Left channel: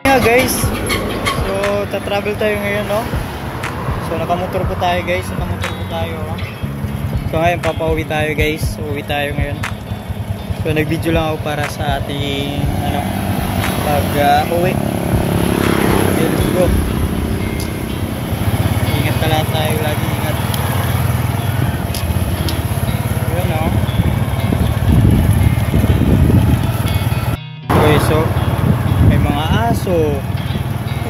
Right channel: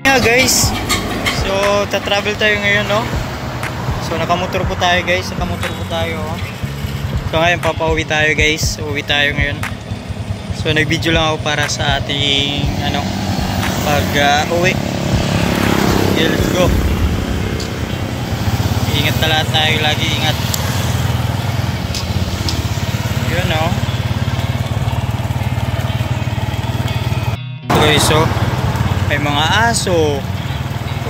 Yeah guys, so tatravel tayo ngayon, no? So nakamotor po tayo guys, So ngayon papauwi tayo guys, uwi tayo ngayon. So nag-video lang ako para sa ating pag-uwi. Okay, let's go. Ingat talaga tayo, lagi ingat. Yun, no? Okay, so may mga aso.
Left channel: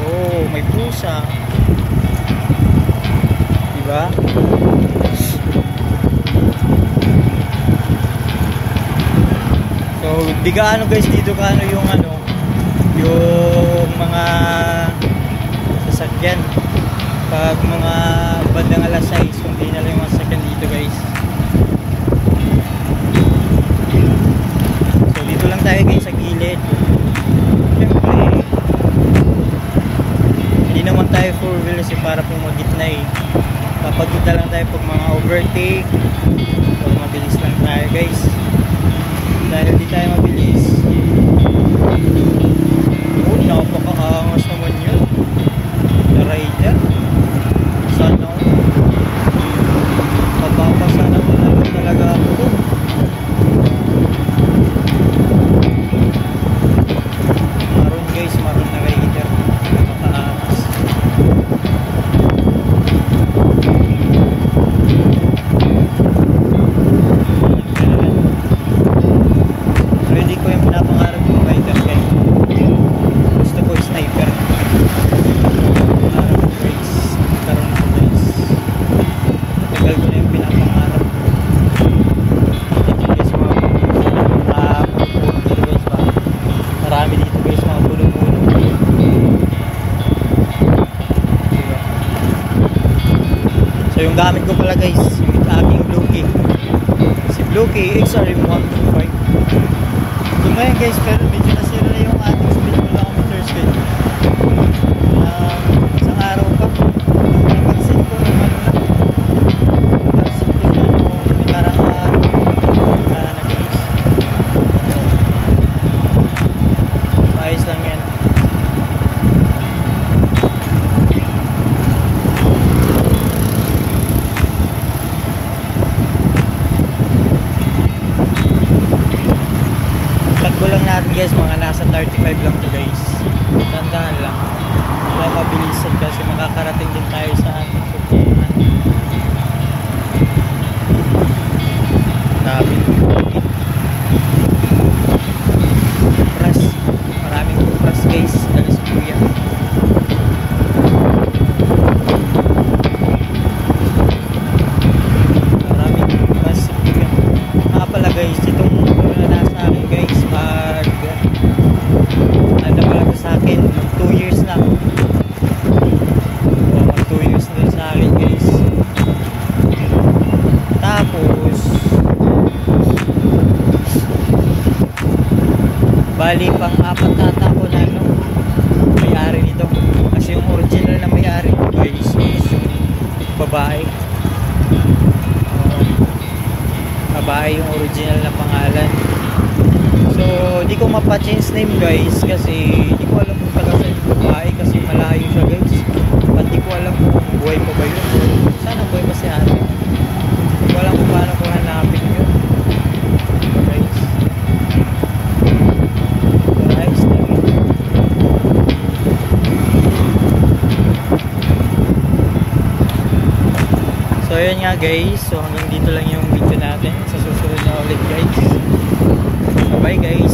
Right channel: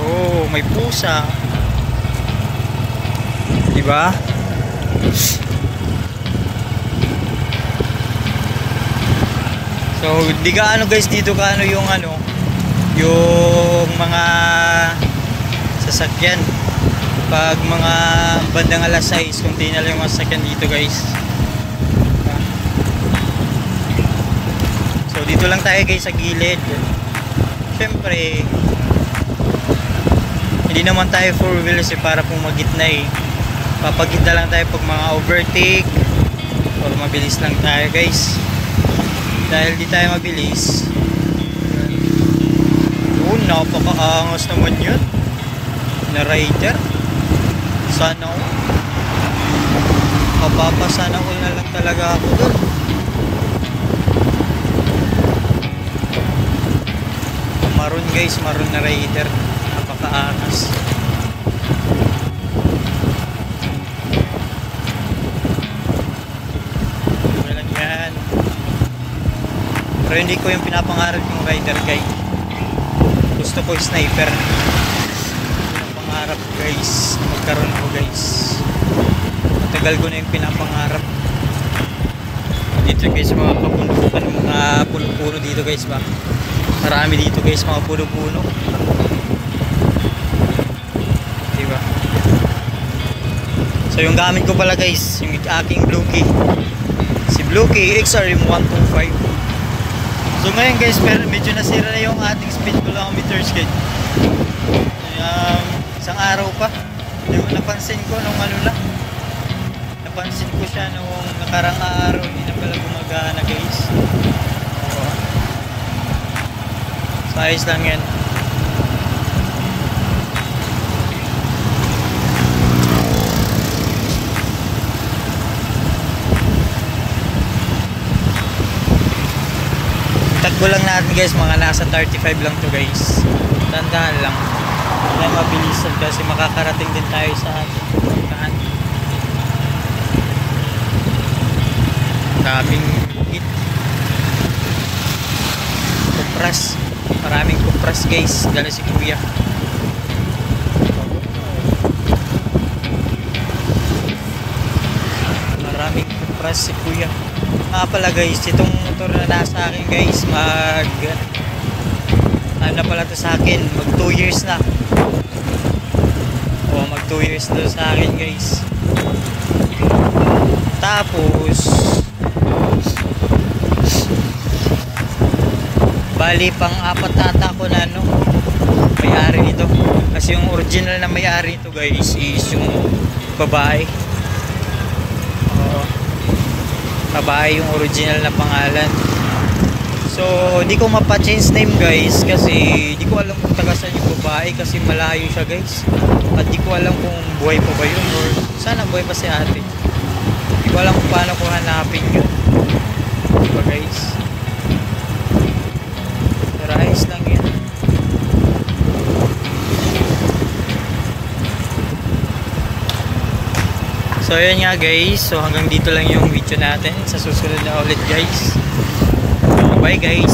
Oh, may pusa. Diba? So, di gaano guys dito kaano yung yung mga sasakyan. Pag mga bandang alas 6, kung di na lang yung mga sasakyan dito guys. So, dito lang tayo guys sa gilid. Siyempre, hindi naman tayo 4-wheelers para pong magitna eh. Papagitna lang tayo pag mga overtake or mabilis lang tayo guys. Dahil di tayo mabilis, napakaangas naman yun na rider. Sana ako mapapasana ko na lang talaga ako dun. Maroon guys, maroon na rider, napakaangas. Yan. Pero hindi ko yung pinapangarap yung rider guys. Gusto ko yung sniper. Pangarap ko guys, magkaroon ako guys. Matagal ko na yung pinapangarap. Dito guys mga kapuno-puno, mga puno-puno dito guys ba. Marami dito guys mga puno-puno. Diba? So yung gamit ko pala guys, yung aking Blue-Key. Si Blue-Key XRM 125. So ngayon guys, pero medyo nasira na yung ating speed kilometers guys. Isang araw pa. Yung napansin ko nung napansin ko siya nung nakarang araw, hindi na pala gumagana guys. So ayos lang yan. Tagbo lang natin guys, mga nasa 35 lang to guys. Tandaan lang, hindi mabilisan kasi makakarating din tayo sa ating pupuntahan. Daming bukit, kupras, maraming kupras guys, dala si kuya. Maraming kupras si kuya. Pala guys, itong motor na nasa akin guys, ano pala to sa akin, mag 2 years na. Mag 2 years na sa akin guys. Tapos bali pang 4 ata ko na may-ari nito. Kasi yung original na may-ari nito guys is yung babae. Babae yung original na pangalan. So di ko mapa-change name guys kasi di ko alam kung taga saan yung babae kasi malayo siya guys. At di ko alam kung buhay pa ba yun or sana buhay pa si ate. Di ko alam kung paano ko hanapin yun, diba guys? Pero ayos lang yun. So yun nga guys, so hanggang dito lang yung video natin. Sa susunod na ulit guys. Bye guys.